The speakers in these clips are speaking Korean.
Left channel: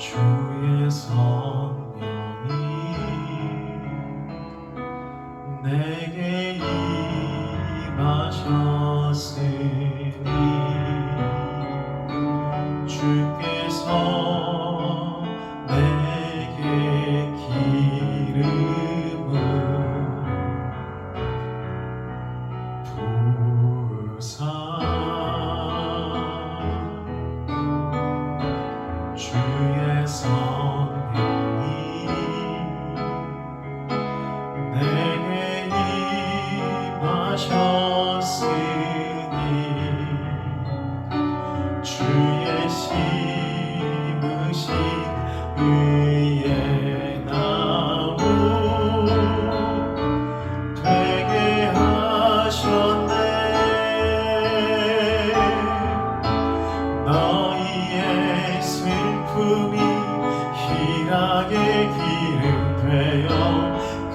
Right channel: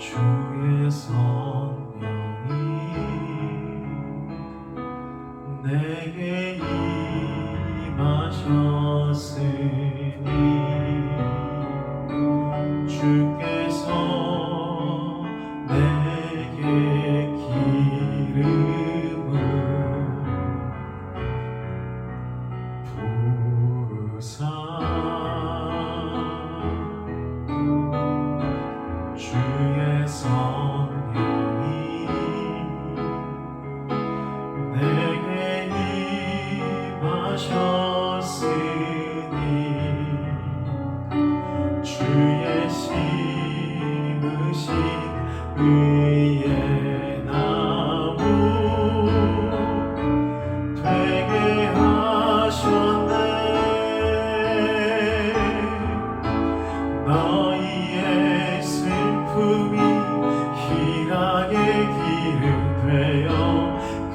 주의 성령이 내게 임하셨으니 주께서 내게 기름을 부으사 주의 성령이 내게 임하셨으니 주의 심으신 의의 나무 되게 하셨네. 너희의 슬픔이 희락의 기름 되어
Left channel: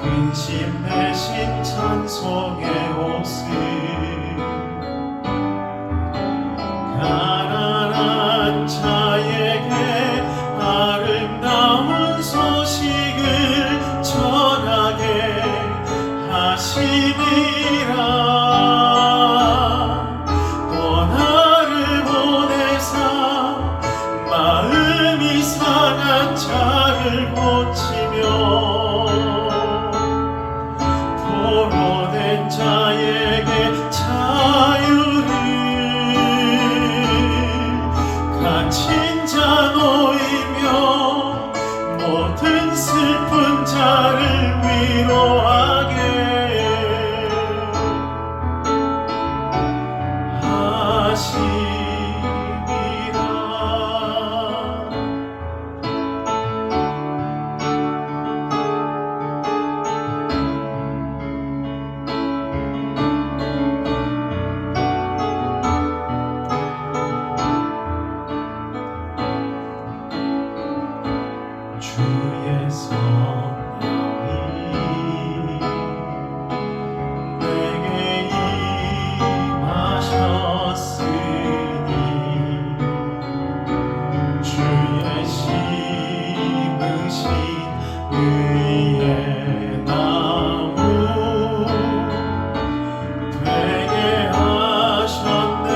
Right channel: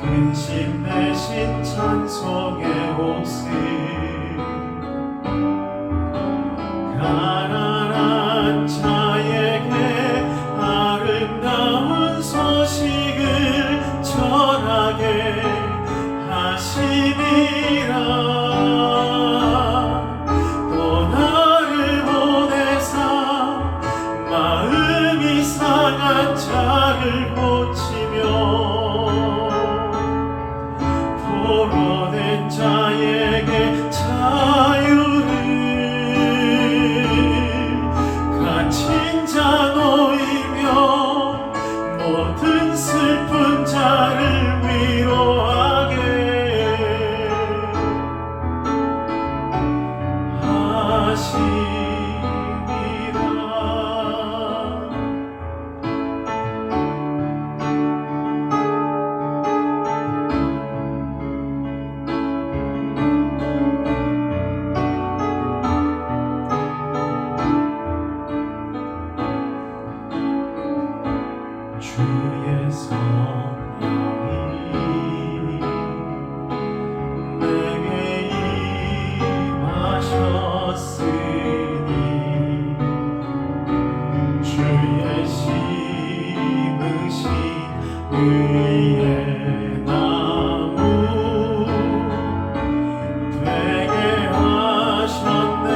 근심 대신 찬송의 모습 가난한 자에게 아름다운 소식을 전하게 하심이라. 또 나를 보내사 마음이 상한 자를 고치며 포로된 자에게 자유를 갇힌 자 놓이며 모든 슬픈 자를 위로하게 하심이라. 주의 성령이 내게 임하셨으니 주의 심으신 의의 나무 되게 하셨네.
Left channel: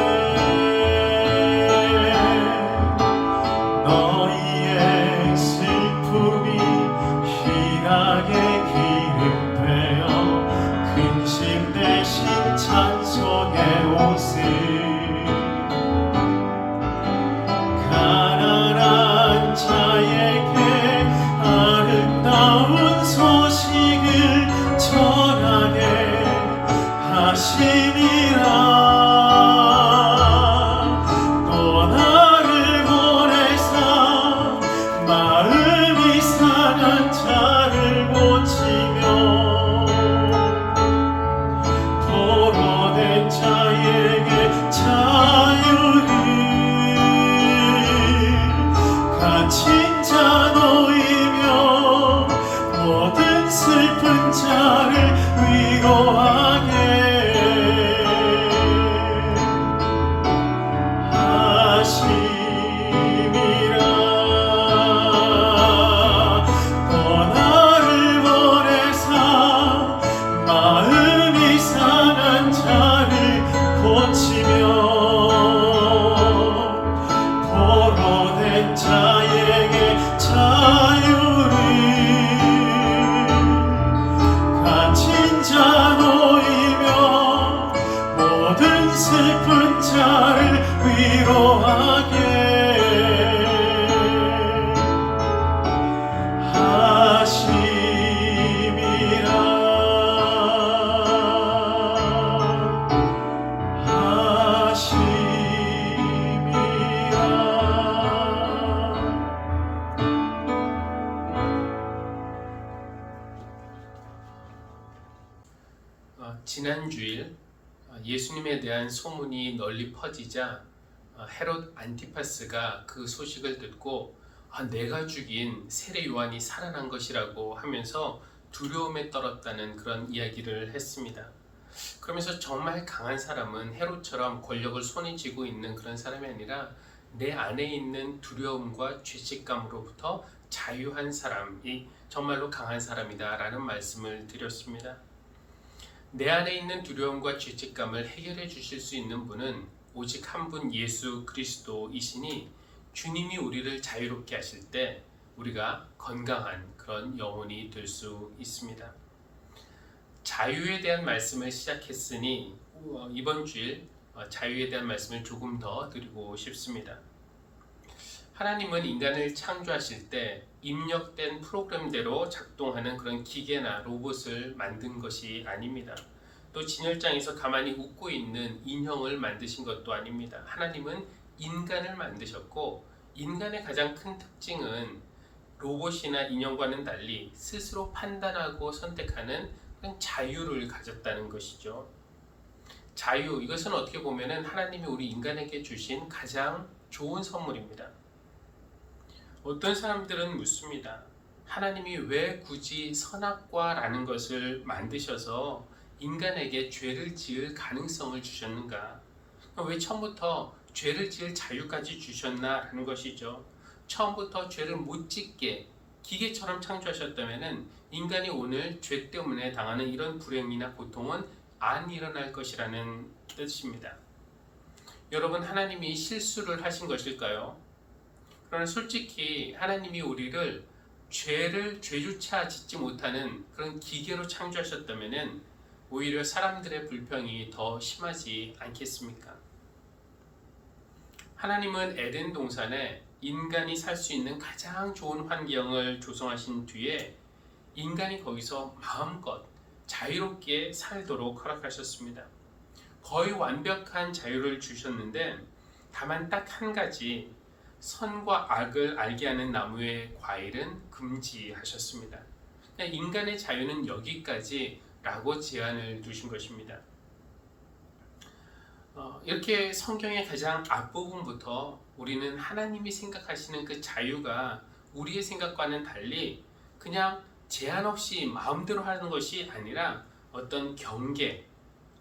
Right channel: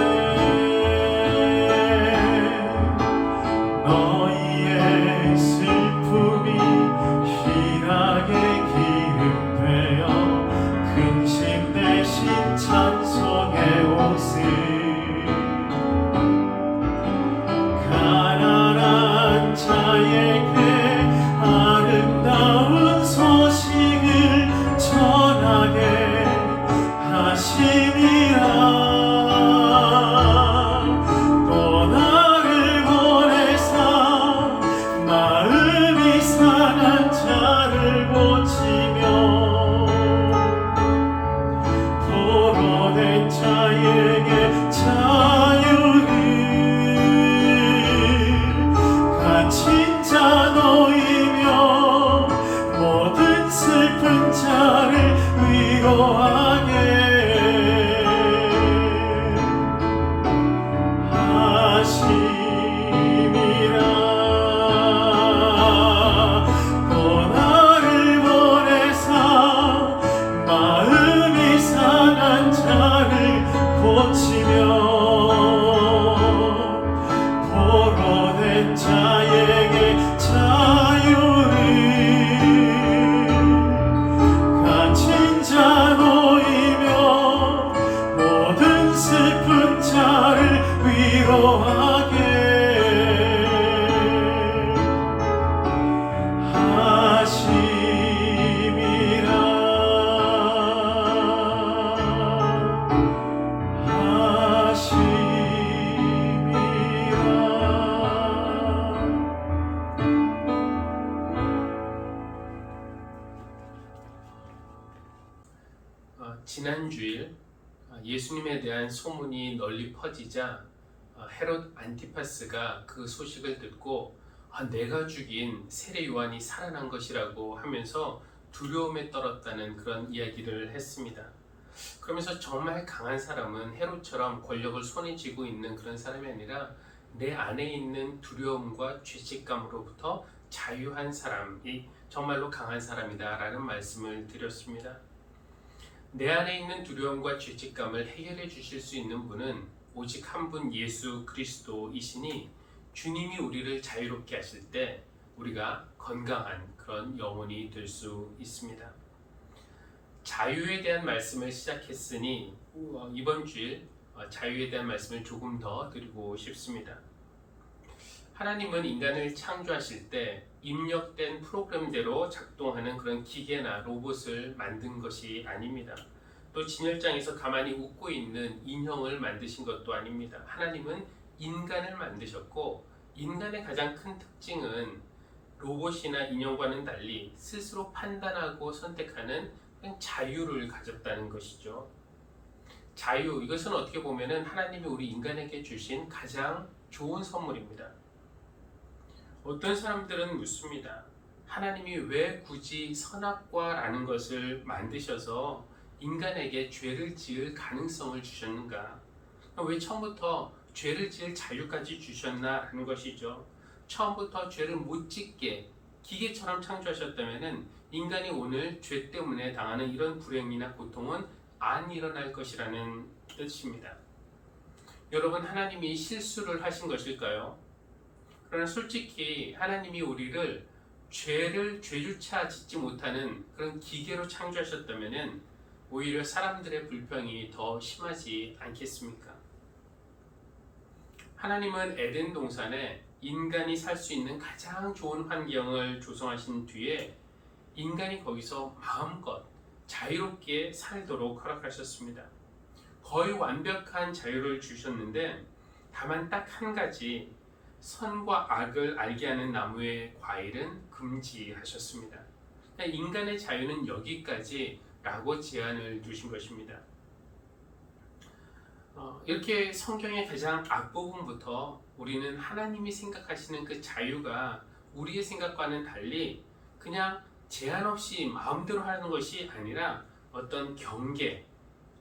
너희의 슬픔이 희락의 기름 되어 근심 대신 찬송의 옷을 가난한 자에게 아름다운 소식을 전하게 하시니라. 또 나를 보내사 마음이 상한 자를 고치며 포로된 자에게 자유를 갇힌 자 놓이며 모든 슬픈 자를 위로하게 하심이라. 또 나를 보내사 마음이 상한 자를 고치며 포로된 자에게 자유를 갇힌 자 놓이며 모든 슬픈 자를 위로하게 하심이라. 지난 주일 예수님에 대한 소문이 널리 퍼지자 헤롯 안티파스가 그 소식을 듣고 내가 죽인 세례 요한이 살아난 것이라고 하면서 두려움에 떨었다는 그런 이야기를 했습니다. 그러면서 정말 강한 사람은 헤롯처럼 권력을 손에 쥐고 있는 그런 사람이 아니라 내 안에 있는 두려움과 죄책감으로부터 자유한 사람이 정말로 강한 사람이다라는 말씀을 드렸습니다. 내 안에 있는 두려움과 죄책감을 해결해 주실 수 있는 분은 오직 한 분 예수 그리스도이시니 주님이 우리를 자유롭게 하실 때 우리가 건강한 그런 영혼이 될 수 있습니다. 자유에 대한 말씀을 시작했으니 이번 주일 자유에 대한 말씀을 조금 더 드리고 싶습니다. 하나님은 인간을 창조하실 때 입력된 프로그램대로 작동하는 그런 기계나 로봇을 만든 것이 아닙니다. 또 진열장에서 가만히 웃고 있는 인형을 만드신 것도 아닙니다. 하나님은 인간을 만드셨고 인간의 가장 큰 특징은 로봇이나 인형과는 달리 스스로 판단하고 선택하는 그런 자유를 가졌다는 것이죠. 자유, 이것은 어떻게 보면 하나님이 우리 인간에게 주신 가장 좋은 선물입니다. 어떤 사람들은 묻습니다. 하나님이 왜 굳이 선악과라는 것을 만드셔서 인간에게 죄를 지을 가능성을 주셨는가? 왜 처음부터 죄를 지을 자유까지 주셨나라는 것이죠. 처음부터 죄를 못 짓게 기계처럼 창조하셨다면 인간이 오늘 죄 때문에 당하는 이런 불행이나 고통은 안 일어날 것이라는 뜻입니다. 여러분, 하나님이 실수를 하신 것일까요? 그러나 솔직히 하나님이 우리를 죄조차 짓지 못하는 그런 기계로 창조하셨다면 오히려 사람들의 불평이 더 심하지 않겠습니까? 하나님은 에덴 동산에 인간이 살 수 있는 가장 좋은 환경을 조성하신 뒤에 인간이 거기서 마음껏 자유롭게 살도록 허락하셨습니다. 거의 완벽한 자유를 주셨는데 다만 딱 한 가지, 선과 악을 알게 하는 나무의 과일은 금지하셨습니다. 인간의 자유는 여기까지라고 제한을 두신 것입니다. 이렇게 성경의 가장 앞부분부터 우리는 하나님이 생각하시는 그 자유가 우리의 생각과는 달리 그냥 제한 없이 마음대로 하는 것이 아니라 어떤 경계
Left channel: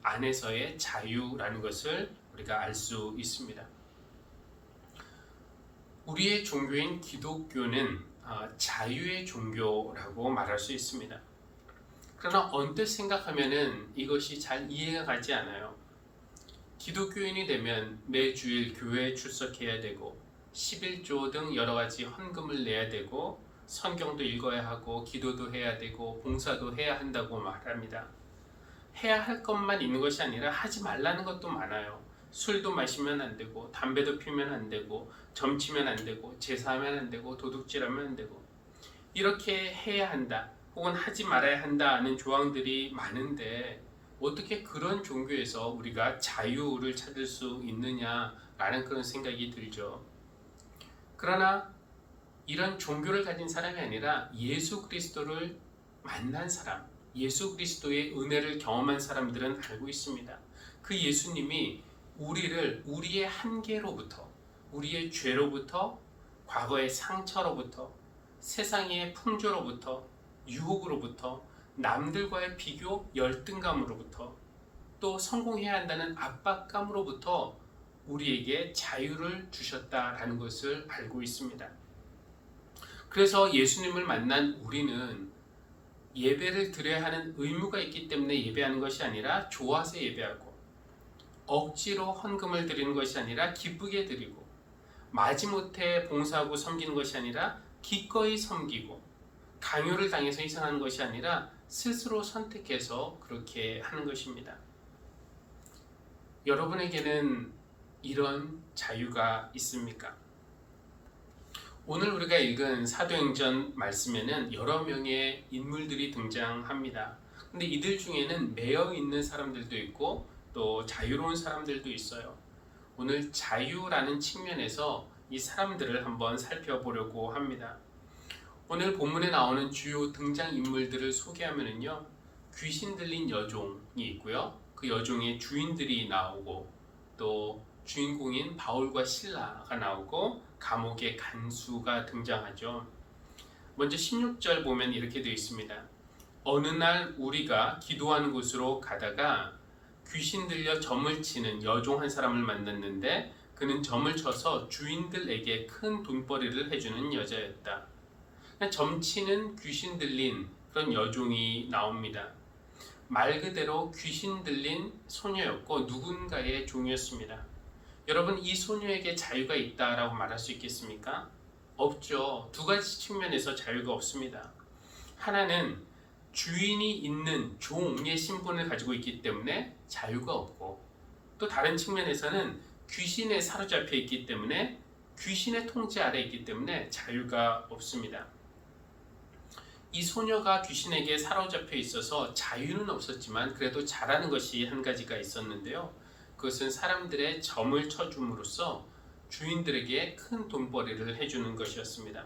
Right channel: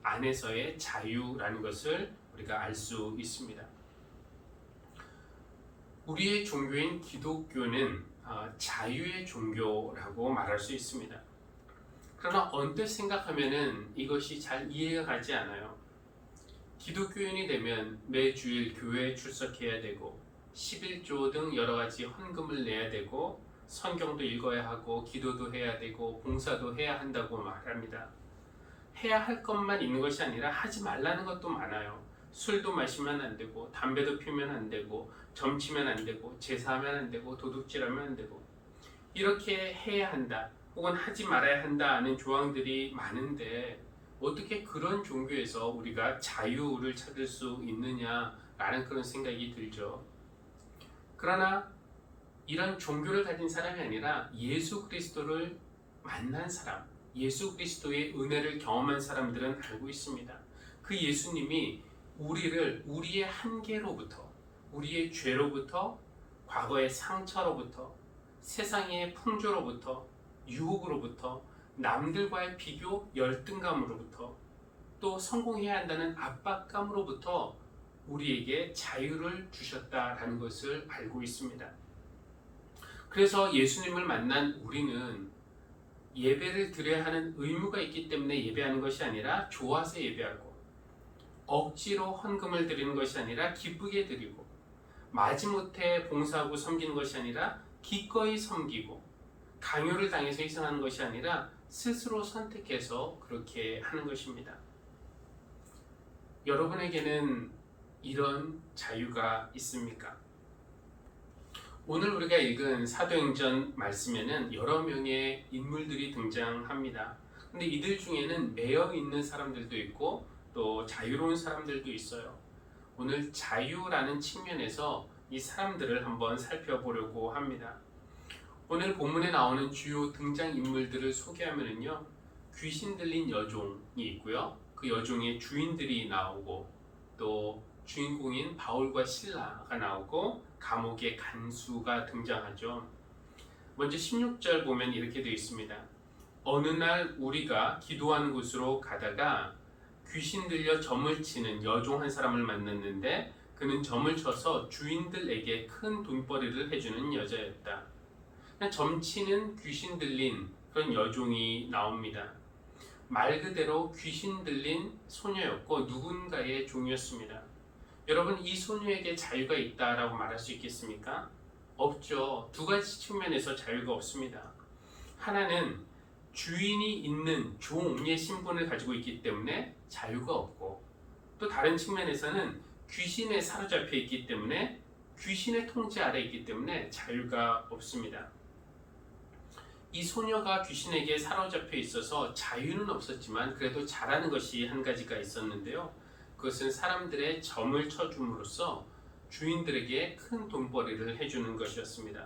안에서의 자유라는 것을 우리가 알 수 있습니다. 우리의 종교인 기독교는 자유의 종교라고 말할 수 있습니다. 그러나 언뜻 생각하면은 이것이 잘 이해가 가지 않아요. 기독교인이 되면 매주일 교회에 출석해야 되고 11조 등 여러 가지 헌금을 내야 되고 성경도 읽어야 하고 기도도 해야 되고 봉사도 해야 한다고 말합니다. 해야 할 것만 있는 것이 아니라 하지 말라는 것도 많아요. 술도 마시면 안 되고 담배도 피우면 안 되고 점치면 안 되고 제사하면 안 되고 도둑질하면 안 되고 이렇게 해야 한다 혹은 하지 말아야 한다는 조항들이 많은데 어떻게 그런 종교에서 우리가 자유를 찾을 수 있느냐라는 그런 생각이 들죠. 그러나 이런 종교를 가진 사람이 아니라 예수 그리스도를 만난 사람, 예수 그리스도의 은혜를 경험한 사람들은 알고 있습니다. 그 예수님이 우리를 우리의 한계로부터, 우리의 죄로부터, 과거의 상처로부터, 세상의 풍조로부터, 유혹으로부터, 남들과의 비교 열등감으로부터, 또 성공해야 한다는 압박감으로부터 우리에게 자유를 주셨다라는 것을 알고 있습니다. 그래서 예수님을 만난 우리는 예배를 드려야 하는 의무가 있기 때문에 예배하는 것이 아니라 좋아서 예배하고, 억지로 헌금을 드리는 것이 아니라 기쁘게 드리고, 마지못해 봉사하고 섬기는 것이 아니라 기꺼이 섬기고, 강요를 당해서 희생하는 것이 아니라 스스로 선택해서 그렇게 하는 것입니다. 여러분에게는 이런 자유가 있습니까? 오늘 우리가 읽은 사도행전 말씀에는 여러 명의 인물들이 등장합니다. 근데 이들 중에는 매여 있는 사람들도 있고 또 자유로운 사람들도 있어요. 오늘 자유라는 측면에서 이 사람들을 한번 살펴보려고 합니다. 오늘 본문에 나오는 주요 등장인물들을 소개하면요, 귀신 들린 여종이 있고요, 그 여종의 주인들이 나오고, 또 주인공인 바울과 실라가 나오고 감옥의 간수가 등장하죠. 먼저 16절 보면 이렇게 되어 있습니다. 어느 날 우리가 기도하는 곳으로 가다가 귀신 들려 점을 치는 여종 한 사람을 만났는데 그는 점을 쳐서 주인들에게 큰 돈벌이를 해주는 여자였다. 점치는 귀신 들린 그런 여종이 나옵니다. 말 그대로 귀신 들린 소녀였고 누군가의 종이었습니다. 여러분, 이 소녀에게 자유가 있다라고 말할 수 있겠습니까? 없죠. 두 가지 측면에서 자유가 없습니다. 하나는 주인이 있는 종의 신분을 가지고 있기 때문에 자유가 없고, 또 다른 측면에서는 귀신에 사로잡혀 있기 때문에, 귀신의 통제 아래 있기 때문에 자유가 없습니다. 이 소녀가 귀신에게 사로잡혀 있어서 자유는 없었지만 그래도 잘하는 것이 한 가지가 있었는데요. 그것은 사람들의 점을 쳐줌으로써 주인들에게 큰 돈벌이를 해주는 것이었습니다.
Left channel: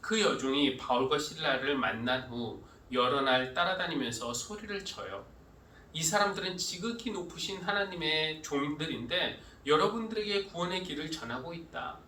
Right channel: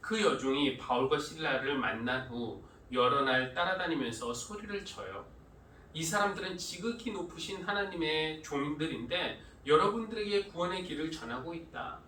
그 여종이 바울과 실라를 만난 후 여러 날 따라다니면서 소리를 쳐요. 이 사람들은 지극히 높으신 하나님의 종들인데 여러분들에게 구원의 길을 전하고 있다.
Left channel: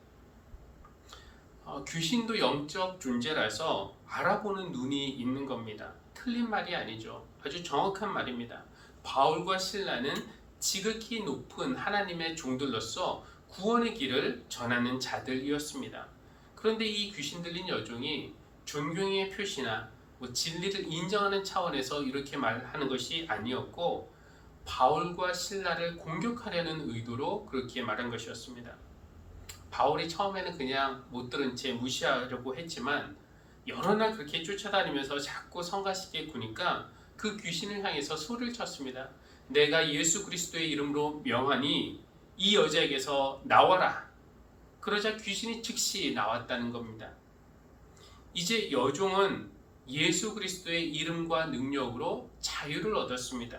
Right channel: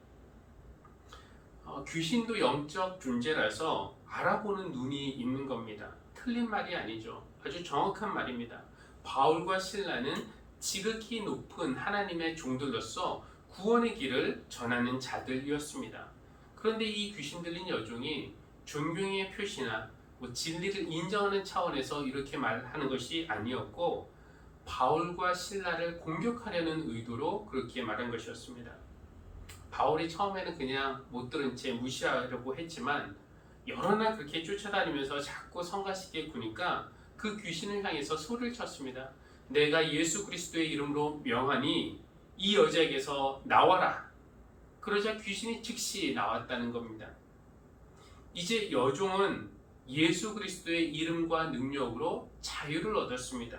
귀신도 영적 존재라서 알아보는 눈이 있는 겁니다. 틀린 말이 아니죠. 아주 정확한 말입니다. 바울과 실라는 지극히 높은 하나님의 종들로서 구원의 길을 전하는 자들이었습니다. 그런데 이 귀신 들린 여종이 존경의 표시나 진리를 인정하는 차원에서 이렇게 말하는 것이 아니었고, 바울과 실라를 공격하려는 의도로 그렇게 말한 것이었습니다. 바울이 처음에는 그냥 못 들은 채 무시하려고 했지만 여러 날 그렇게 쫓아다니면서 자꾸 성가시게 구니까 그 귀신을 향해서 소리를 쳤습니다. 내가 예수 그리스도의 이름으로 명하니 이 여자에게서 나와라. 그러자 귀신이 즉시 나왔다는 겁니다. 이제 여종은 예수 그리스도의 이름과 능력으로 자유를 얻었습니다.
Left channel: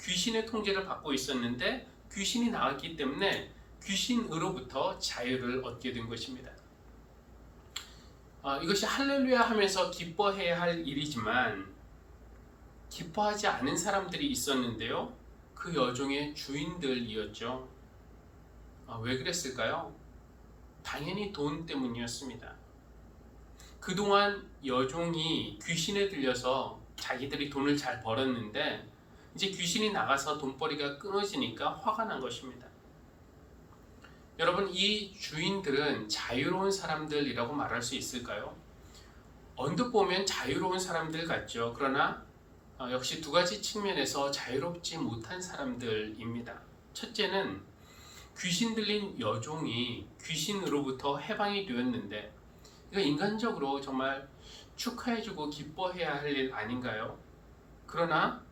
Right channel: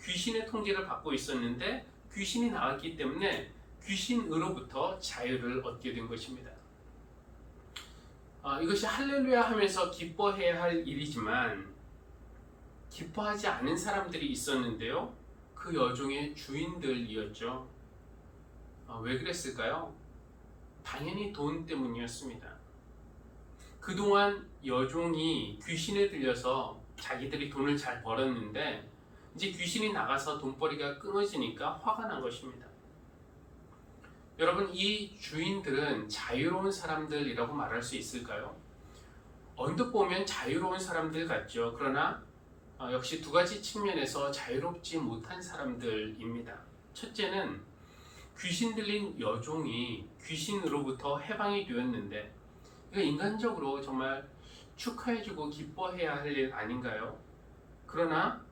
귀신의 통제를 받고 있었는데 귀신이 나왔기 때문에 귀신으로부터 자유를 얻게 된 것입니다. 이것이 할렐루야 하면서 기뻐해야 할 일이지만 기뻐하지 않은 사람들이 있었는데요. 그 여종의 주인들이었죠. 왜 그랬을까요? 당연히 돈 때문이었습니다. 그동안 여종이 귀신에 들려서 자기들이 돈을 잘 벌었는데 이제 귀신이 나가서 돈벌이가 끊어지니까 화가 난 것입니다. 여러분, 이 주인들은 자유로운 사람들이라고 말할 수 있을까요? 언뜻 보면 자유로운 사람들 같죠. 그러나 역시 두 가지 측면에서 자유롭지 못한 사람들입니다. 첫째는 귀신 들린 여종이 귀신으로부터 해방이 되었는데 이거 인간적으로 정말 축하해주고 기뻐해야 할 일 아닌가요? 그러나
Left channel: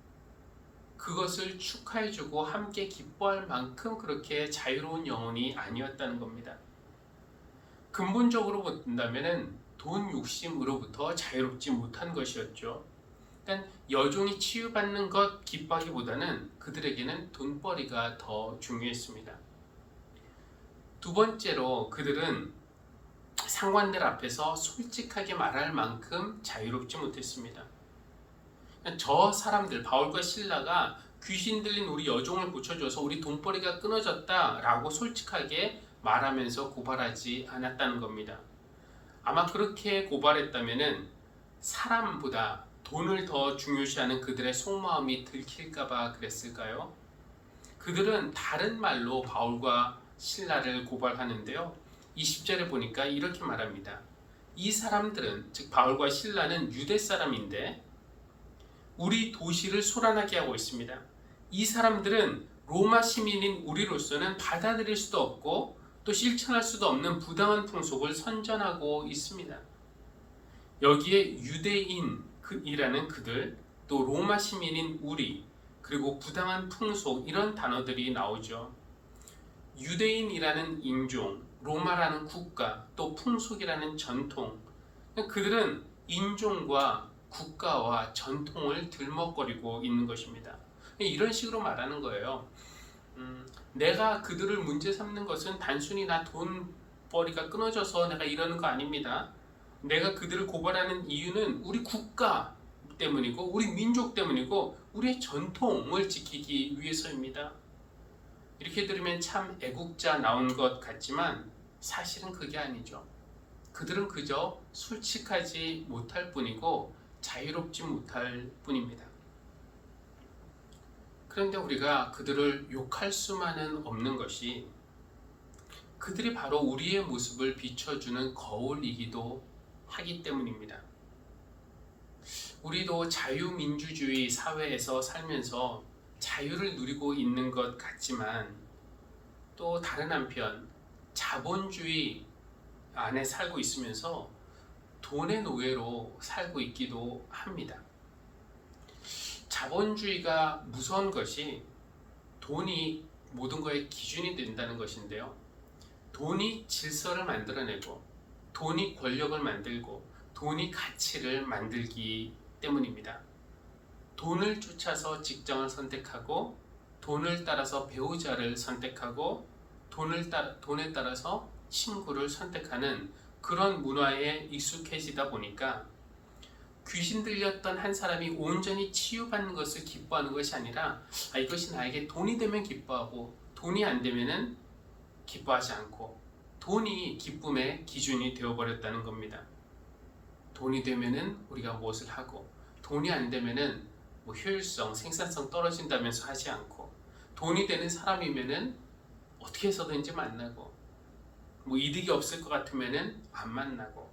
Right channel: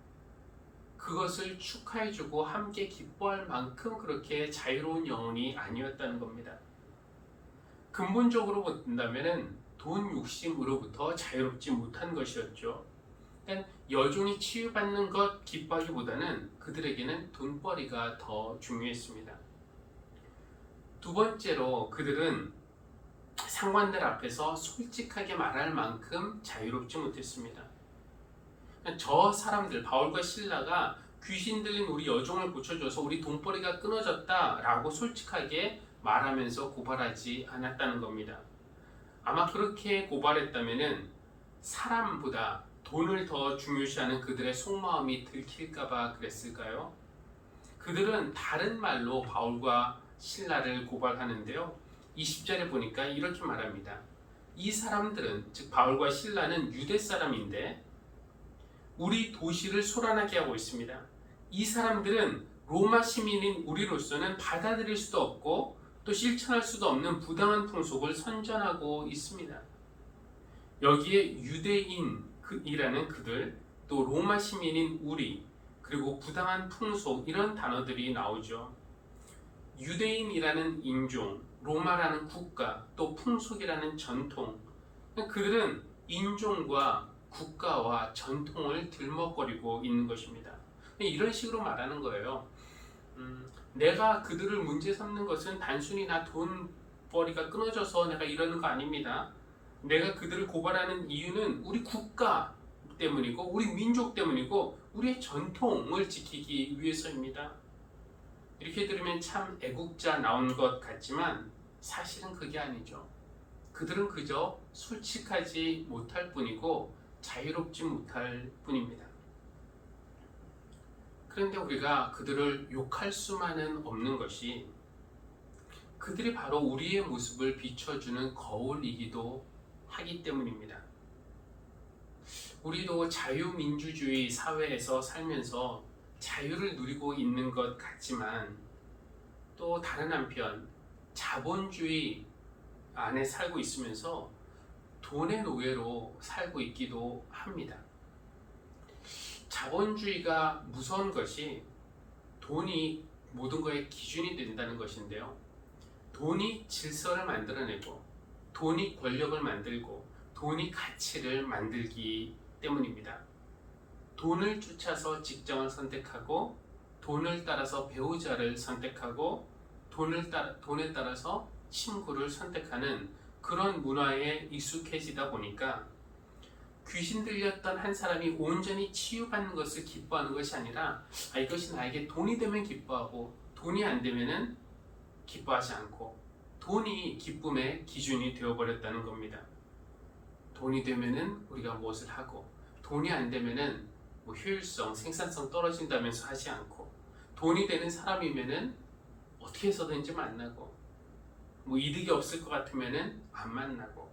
그것을 축하해주고 함께 기뻐할 만큼 그렇게 자유로운 영혼이 아니었다는 겁니다. 근본적으로 본다면 돈 욕심으로부터 자유롭지 못한 것이었죠. 그러니까 여종이 치유받는 것 기뻐하기보다는 그들에게는 돈벌이가 더 중요했습니다. 두 번째로 그들은 상관들 앞에서 솔직하게 말할 만큼 자유롭지 못했습니다. 저 사람들, 바울과 실라가 귀신 들린 우리 여종을 고쳐줘서 우리 돈벌이가 끊어졌다 라고 솔직하게 말하면서 고발하지 않았다는 겁니다. 아마 그렇게 고발했다면 사람보다 돈을 더 중요시하는 그들의 속마음이 들킬까봐 그랬을까요? 그들은 다른 말로 바울과 실라를 고발하는데요. 20절에 보니까 이렇게 말합니다. 이 사람들은, 즉 바울과 실라는 유대 사람인데 우리 도시를 소란하게 하고 있습니다. 이 사람들은 로마 시민인 우리로서는 받아들일 수도 없고 또 실천할 수도 없는 부당한 풍속을 선전하고 있습니다. 여기에 유대인이라는 그들, 또 로마 시민인 우리, 그리고 부당한 풍속, 이런 단어들이 나오죠. 유대인이라는 인종, 로마라는 국가, 또 풍속이라는 전통, 그들은 인종과 국가와 전통을 들먹거리고 있는 것입니다. 이런 식으로 말하는 거예요. 내가 그들을 문제 삼는 것은 단순히 나 돈벌이가 끊어져서 내가 이러는 거 아닙니다. 내가 그들을 고발하는 이유는 우리 국가 때문이고 우리 민족 때문이고 우리의 전통을 지키기 위해서입니다. 이렇게 들으면 참 애국자 나온 것 같지만 사실은 그게 아니죠. 그들은 그저 솔직하지 못할 뿐이고 자유롭지 못할 뿐입니다. 그런데 우리가 그들을 욕할 수만은 없는 것이 그들이 바로 우리의 모습을 비춰주는 거울이기도 하기 때문입니다. 우리도 자유민주주의 사회에서 살면서 자유를 누리고 있는 것 같지만 또 다른 한편 자본주의 안에 살고 있으면서 돈의 노예로 살고 있기도 합니다. 자본주의가 무서운 것이 돈이 모든 것의 기준이 된다는 것인데요. 돈이 질서를 만들어내고 돈이 권력을 만들고 돈이 가치를 만들기 때문입니다. 돈을 쫓아서 직장을 선택하고 돈을 따라서 배우자를 선택하고 돈에 따라서 친구를 선택하는 그런 문화에 익숙해지다 보니까 귀신 들렸던 한 사람이 온전히 치유받는 것을 기뻐하는 것이 아니라 이것이 나에게 돈이 되면 기뻐하고 돈이 안 되면은 기뻐하지 않고 돈이 기쁨의 기준이 되어버렸다는 겁니다. 돈이 되면은 우리가 무엇을 하고 돈이 안 되면은 효율성, 생산성 떨어진다면서 하지 않고 돈이 되는 사람이면은 어떻게 해서든지 만나고 이득이 없을 것 같으면은 안 만나고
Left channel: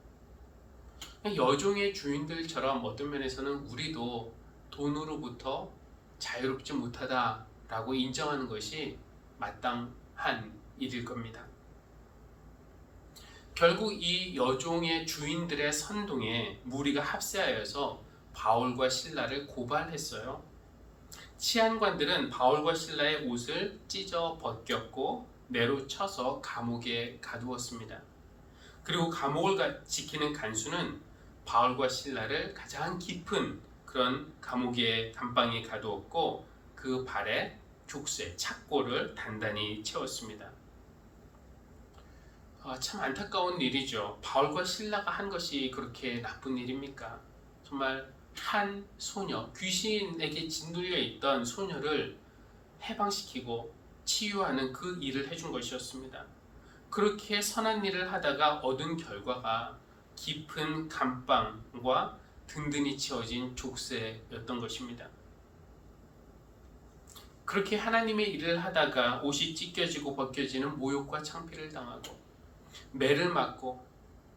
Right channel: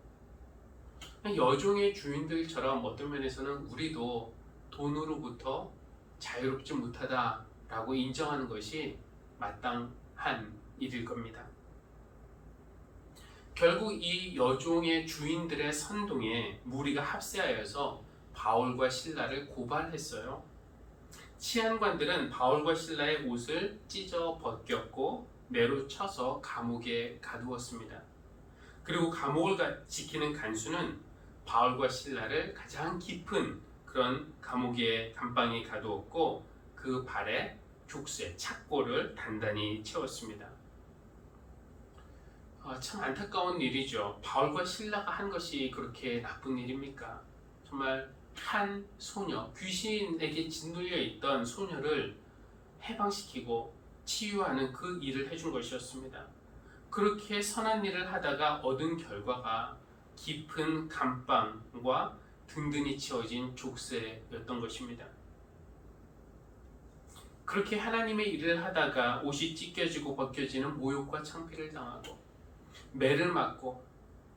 여종의 주인들처럼 어떤 면에서는 우리도 돈으로부터 자유롭지 못하다라고 인정하는 것이 마땅한 일일 겁니다. 결국 이 여종의 주인들의 선동에 무리가 합세하여서 바울과 실라를 고발했어요. 치안관들은 바울과 실라의 옷을 찢어 벗겼고 매로 쳐서 감옥에 가두었습니다. 그리고 감옥을 지키는 간수는 바울과 실라를 가장 깊은 그런 감옥의 감방에 가두었고 그 발에 족쇄, 착고를 단단히 채웠습니다. 참 안타까운 일이죠. 바울과 실라가 한 것이 그렇게 나쁜 일입니까? 정말 한 소녀, 귀신에게 짓눌려 있던 소녀를 해방시키고 치유하는 그 일을 해준 것이었습니다. 그렇게 선한 일을 하다가 얻은 결과가 깊은 감방과 든든히 채워진 족쇄였던 것입니다. 그렇게 하나님의 일을 하다가 옷이 찢겨지고 벗겨지는 모욕과 창피를 당하고 매를 맞고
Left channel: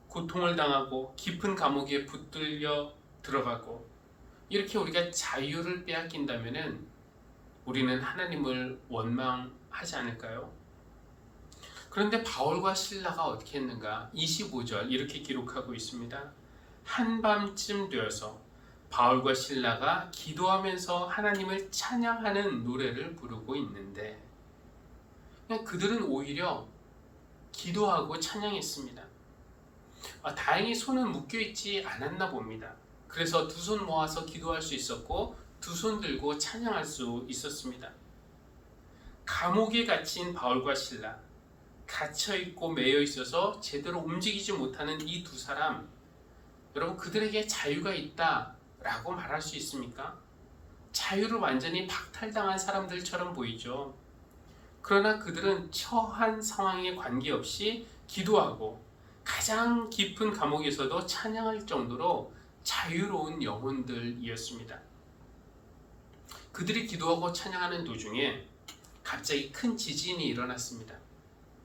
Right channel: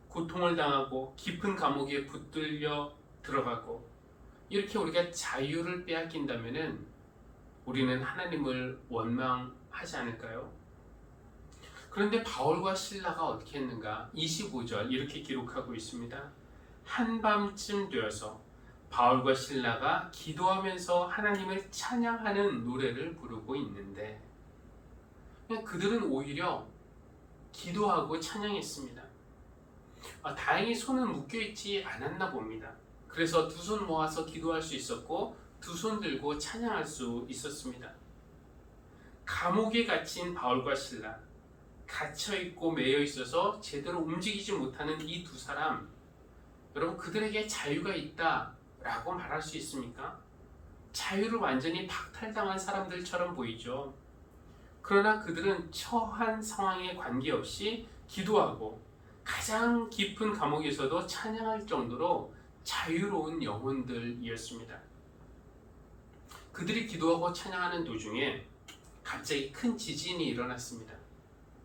고통을 당하고 깊은 감옥에 붙들려 들어가고 이렇게 우리가 자유를 빼앗긴다면 우리는 하나님을 원망하지 않을까요? 그런데 바울과 실라가 어떻게 했는가? 25절 이렇게 기록하고 있습니다. 한밤쯤 되어서 바울과 실라가 기도하면서 하나님을 찬양하는 노래를 부르고 있는데 그냥 그들은 오히려 기도하고 찬양했습니다. 다행히 손은 묶여있지 않았나 봅니다. 그래서 두 손 모아서 기도할 수 있었고 두 손 들고 찬양할 수 있었습니다. 감옥에 갇힌 바울과 실라, 갇혀있고 매여있어서 제대로 움직이지 못하는 이 두 사람, 여러분 그들에게 자유가 있다라고 말할 수 있습니까? 자유를 완전히 박탈당한 사람들처럼 보이죠. 그러나 그들은 처한 상황에 관계없이 기도하고 가장 깊은 감옥에서도 찬양할 정도로 자유로운 영혼들이었습니다. 그들이 기도하고 찬양하는 도중에 갑자기 큰 지진이 일어났습니다.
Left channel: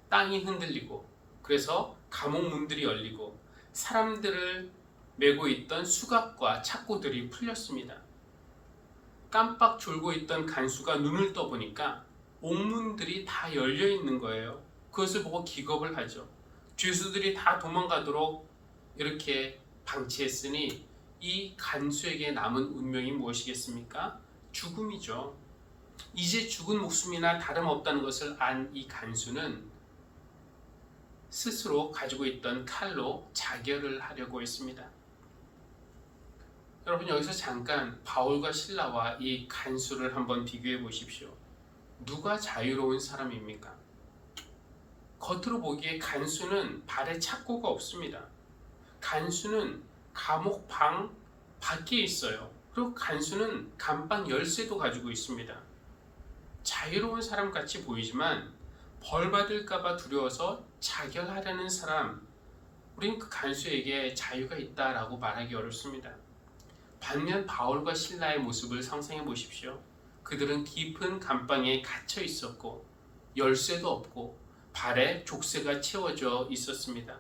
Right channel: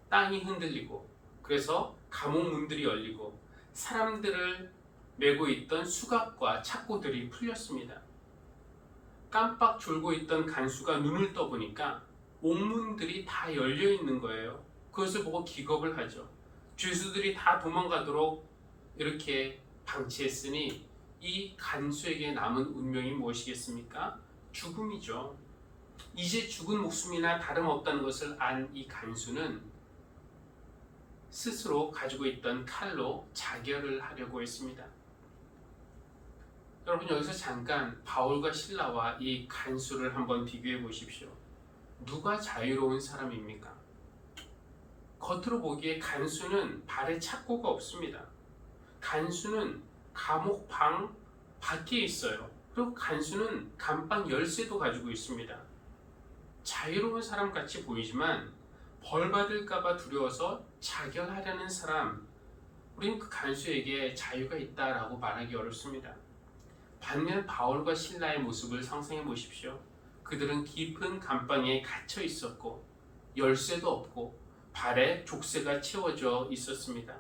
땅이 흔들리고 그래서 감옥 문들이 열리고 사람들을 메고 있던 수갑과 착고들이 풀렸습니다. 깜빡 졸고 있던 간수가 눈을 떠보니까 옥문들이 다 열려 있는 거예요. 그것을 보고 기겁을 하죠. 죄수들이 다 도망가도록 이렇게 방치했으니 이 간수에게 남은 운명이 무엇이겠습니까? 죽음이죠. 이제 죽은 목숨이나 다름없다는 것을 안 이 간수는 스스로 가지고 있던 칼로 자결을 하려고 했습니다. 여러분 여기서 잠깐 바울과 실라와 이 간수를 한번 비교해 보십시오. 누가 자유로운 사람입니까? 겉으로 보기에 간수는 발에 착고가 없습니다. 간수는 감옥 방 밖에 있어요. 그리고 간수는 감방 열쇠도 가지고 있습니다. 자유로운 사람 같이 보이지만 벌 받을까봐 두려워서 자결하려는 사람, 우린 그 간수에게 자유가 있다라고 말하기 어렵습니다. 반면 바울과 실라의 모습을 상상해 보십시오. 그들은 깊은 감방에 갇혀 있었고 열쇠도 없고 발에 족쇄가 채워져 있었습니다.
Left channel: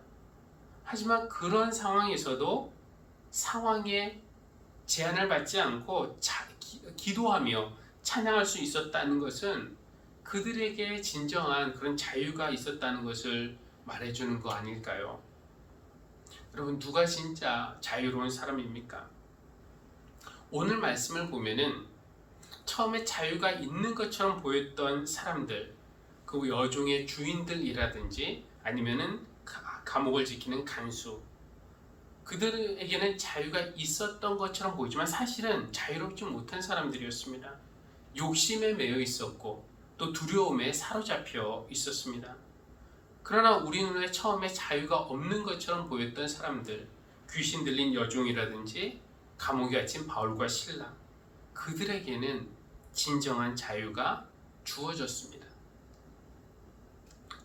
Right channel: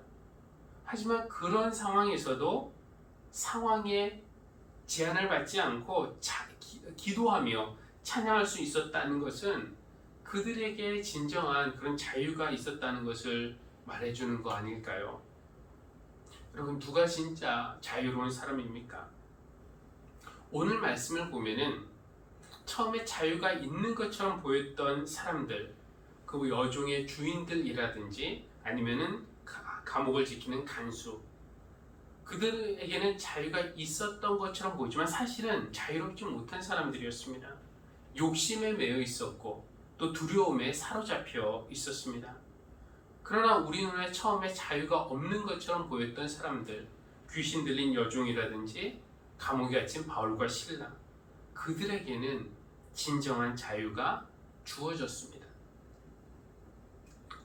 하지만 그런 상황에서도 상황에 제한을 받지 않고 기도하며 찬양할 수 있었다는 것은 그들에게 진정한 그런 자유가 있었다는 것을 말해주는 거 아닐까요? 여러분, 누가 진짜 자유로운 사람입니까? 오늘 말씀을 보면은 처음에 자유가 있는 것처럼 보였던 사람들, 그 여종의 주인들이라든지 아니면은 감옥을 지키는 간수, 그들에게는 자유가 있었던 것처럼 보이지만 사실은 자유롭지 못한 사람들이었습니다. 욕심에 매여 있었고 또 두려움에 사로잡혀 있었습니다. 그러나 우리 눈에 처음에 자유가 없는 것처럼 보였던 사람들, 귀신 들린 여종이라든지 감옥에 갇힌 바울과 실라, 그들에게는 진정한 자유가 주어졌습니다.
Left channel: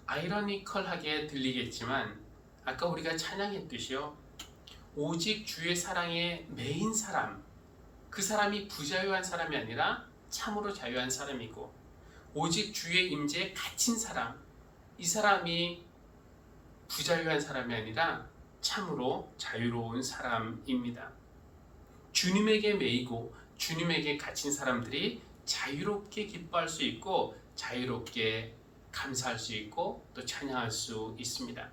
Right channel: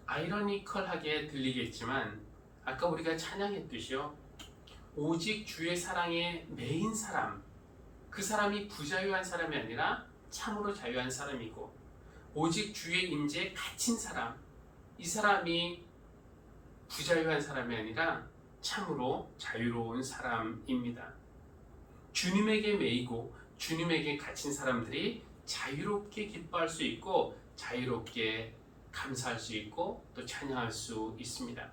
아이러니컬하게 들리겠지만 아까 우리가 찬양했듯이요, 오직 주의 사랑에 매인 사람, 그 사람이 부자유한 사람이 아니라 참으로 자유한 사람이고, 오직 주의 임재에 갇힌 사람, 이 사람이 부자유한 사람이 아니라 참으로 자유로운 사람입니다. 주님에게 매이고 주님에게 갇힌 사람들이 자유롭게 기뻐할 수 있고 자유롭게 감사할 수 있고 또 찬양할 수 있습니다.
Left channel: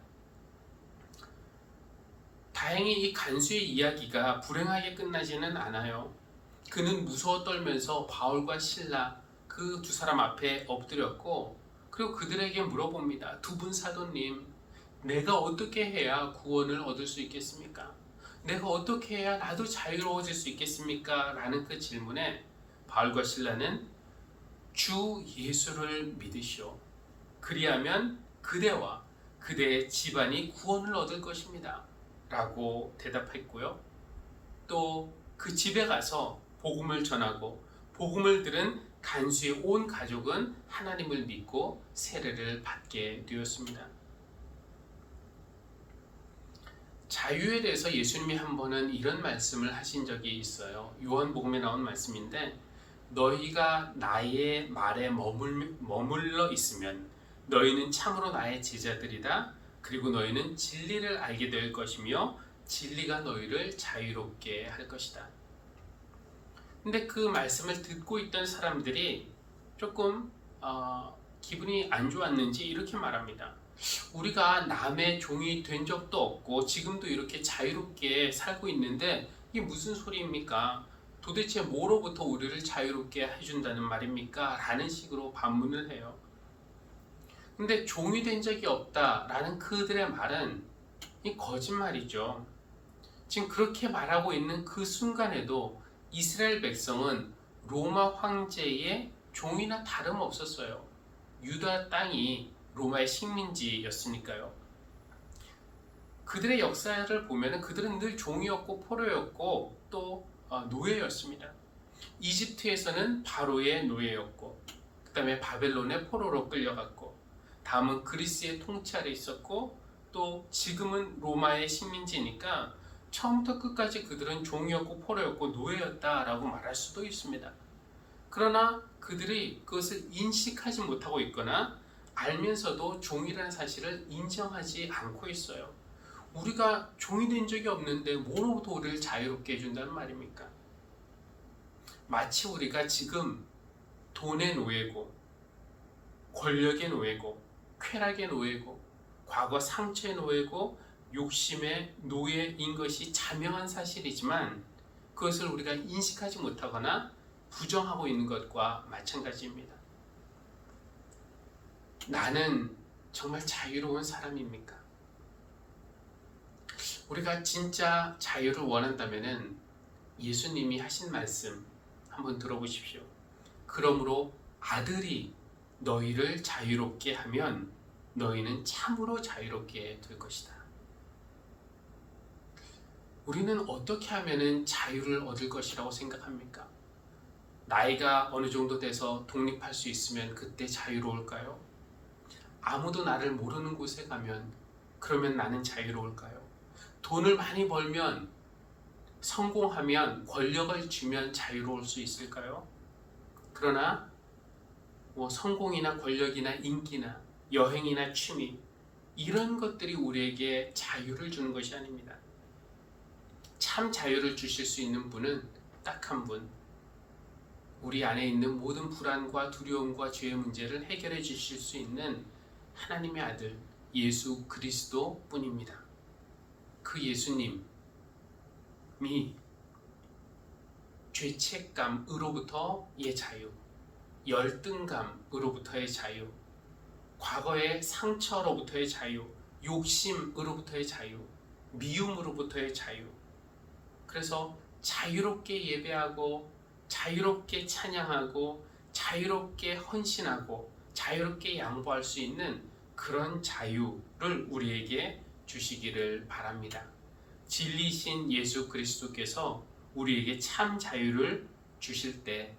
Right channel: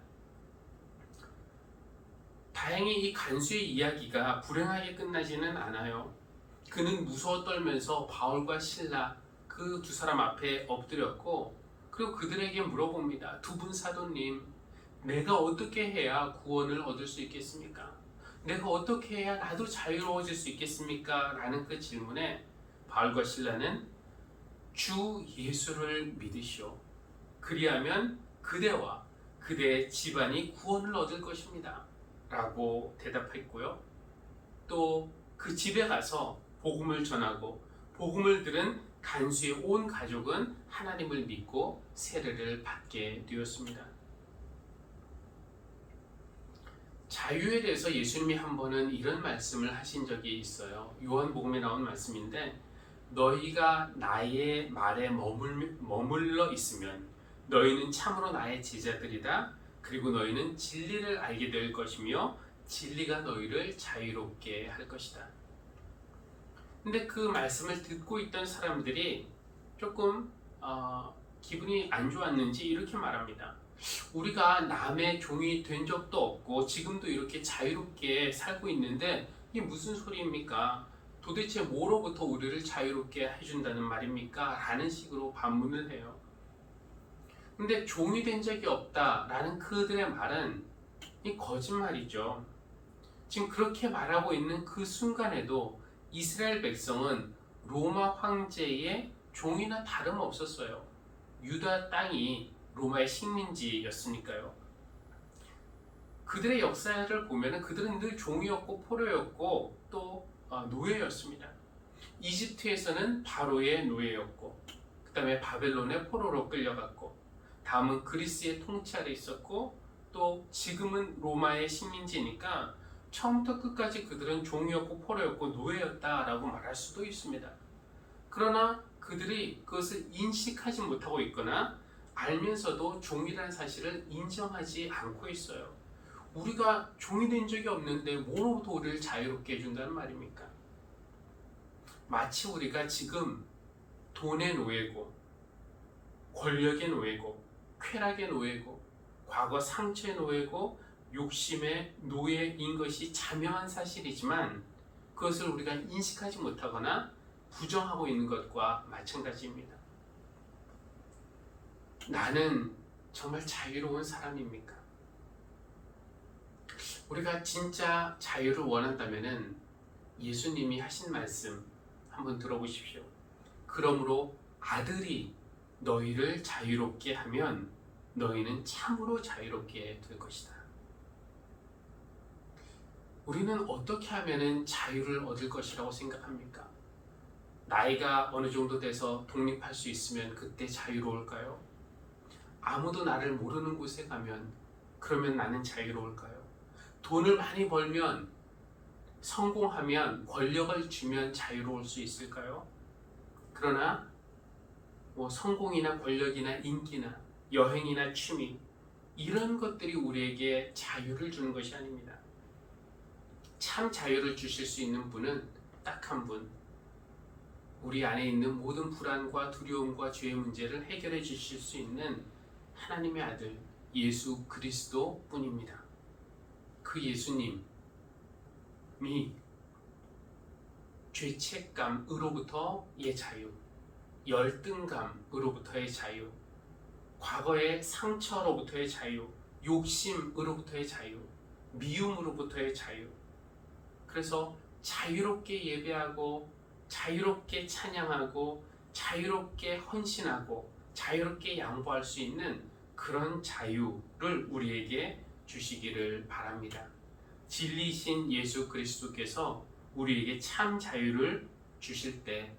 다행히 이 간수의 이야기가 불행하게 끝나지는 않아요. 그는 무서워 떨면서 바울과 실라 그 두 사람 앞에 엎드렸고, 그리고 그들에게 물어봅니다. 두 분 사도님, 내가 어떻게 해야 구원을 얻을 수 있겠습니까? 내가 어떻게 해야 나도 자유로워질 수 있겠습니까? 라는 그 질문에 바울과 실라는 주 예수를 믿으시오. 그리하면 그대와 그대의 집안이 구원을 얻을 것입니다. 라고 대답했고요. 또 그 집에 가서 복음을 전하고 복음을 들은 간수의 온 가족은 하나님을 믿고 세례를 받게 되었습니다. 자유에 대해서 예수님이 한 번은 이런 말씀을 하신 적이 있어요. 요한복음에 나온 말씀인데, 너희가 나의 말에 머물러 있으면 너희는 참으로 나의 제자들이다. 그리고 너희는 진리를 알게 될 것이며 진리가 너희를 자유롭게 할 것이다. 근데 그 말씀을 듣고 있던 사람들이 조금 기분이 안 좋았는지 이렇게 말합니다. 우리가 남의 종이 된 적도 없고 지금도 이렇게 자유롭게 살고 있는데 이게 무슨 소리입니까? 도대체 뭐로부터 우리를 자유롭게 해준다는 말입니까? 라는 식으로 반문을 해요. 근데 종이 된 적이 없다라는 그들의 말은 이 거짓말이죠. 지금 그렇게 말하고 있는 그 순간에도 이스라엘 백성은 로마 황제의 종이나 다름없었어요. 유다 땅이 로마의 식민지였으니까요. 그들의 역사를 보면 그들은 늘 종이었고 포로였고 또 노예였습니다. 이집트에서는 바로의 노예였고, 그 다음에 바벨론의 포로로 끌려갔고, 다음은 그리스의 통치 아래 있었고, 또 지금은 로마의 식민지니까 처음부터 끝까지 그들은 종이었고 포로였고 노예였다라고 말할 수도 있습니다. 그러나 그들이 그것을 인식하지 못하고 있거나 알면서도 종이라는 사실을 인정하지 않고 있어요. 우리가 종이 된 적이 없는데 뭐로부터 우리를 자유롭게 해준다는 말입니까? 마치 우리가 지금 돈의 노예고, 권력의 노예고, 쾌락의 노예고, 과거 상처의 노예고, 욕심의 노예인 것이 자명한 사실이지만 그것을 우리가 인식하지 못하거나 부정하고 있는 것과 마찬가지입니다. 나는 정말 자유로운 사람입니까? 우리가 진짜 자유를 원한다면 예수님이 하신 말씀 한번 들어보십시오. 그러므로 아들이 너희를 자유롭게 하면 너희는 참으로 자유롭게 될 것이다. 우리는 어떻게 하면 자유를 얻을 것이라고 생각합니까? 나이가 어느 정도 돼서 독립할 수 있으면 그때 자유로울까요? 아무도 나를 모르는 곳에 가면 그러면 나는 자유로울까요? 돈을 많이 벌면, 성공하면, 권력을 주면 자유로울 수 있을까요? 그러나 성공이나 권력이나 인기나 여행이나 취미, 이런 것들이 우리에게 자유를 주는 것이 아닙니다. 참 자유를 주실 수 있는 분은 딱 한 분, 우리 안에 있는 모든 불안과 두려움과 죄의 문제를 해결해 주실 수 있는 하나님의 아들 예수 그리스도 뿐입니다. 그 예수님이 죄책감으로부터의 자유, 열등감으로부터의 자유, 과거의 상처로부터의 자유, 욕심으로부터의 자유, 미움으로부터의 자유. 그래서 자유롭게 예배하고 자유롭게 찬양하고 자유롭게 헌신하고 자유롭게 양보할 수 있는 그런 자유를 우리에게 주시기를 바랍니다. 진리신 예수 그리스도께서 우리에게 참 자유를 주실 때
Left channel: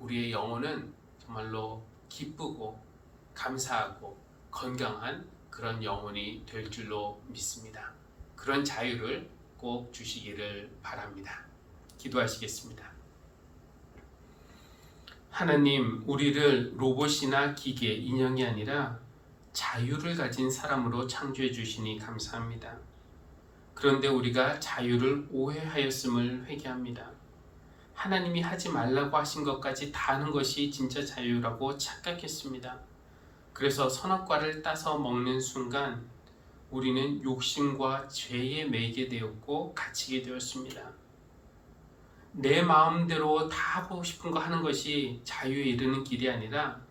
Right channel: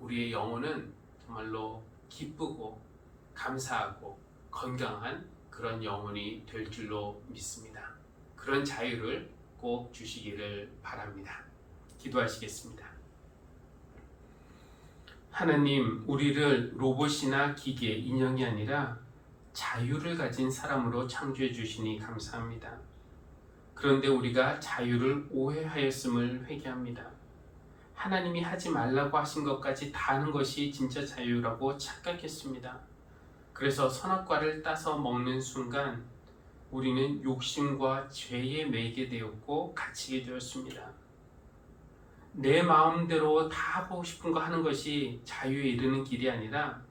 우리의 영혼은 정말로 기쁘고 감사하고 건강한 그런 영혼이 될 줄로 믿습니다. 그런 자유를 꼭 주시기를 바랍니다. 기도하시겠습니다. 하나님, 우리를 로봇이나 기계, 인형이 아니라 자유를 가진 사람으로 창조해 주시니 감사합니다. 그런데 우리가 자유를 오해하였음을 회개합니다. 하나님이 하지 말라고 하신 것까지 다 하는 것이 진짜 자유라고 착각했습니다. 그래서 선악과를 따서 먹는 순간 우리는 욕심과 죄에 매이게 되었고 갇히게 되었습니다. 내 마음대로 다 하고 싶은 거 하는 것이 자유에 이르는 길이 아니라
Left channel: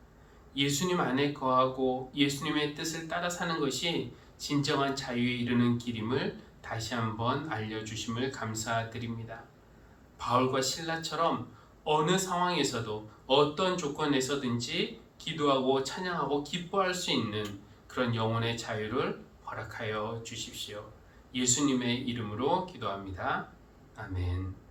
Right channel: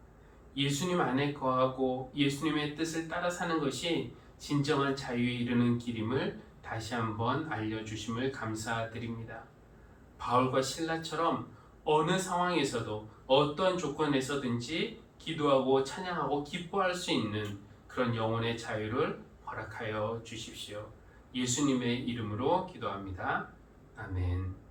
예수님 안에 거하고 예수님의 뜻을 따라 사는 것이 진정한 자유에 이르는 길임을 다시 한번 알려주심을 감사드립니다. 바울과 실라처럼 어느 상황에서도 어떤 조건에서든지 기도하고 찬양하고 기뻐할 수 있는 그런 영혼의 자유를 허락하여 주십시오. 예수님의 이름으로 기도합니다. 아멘.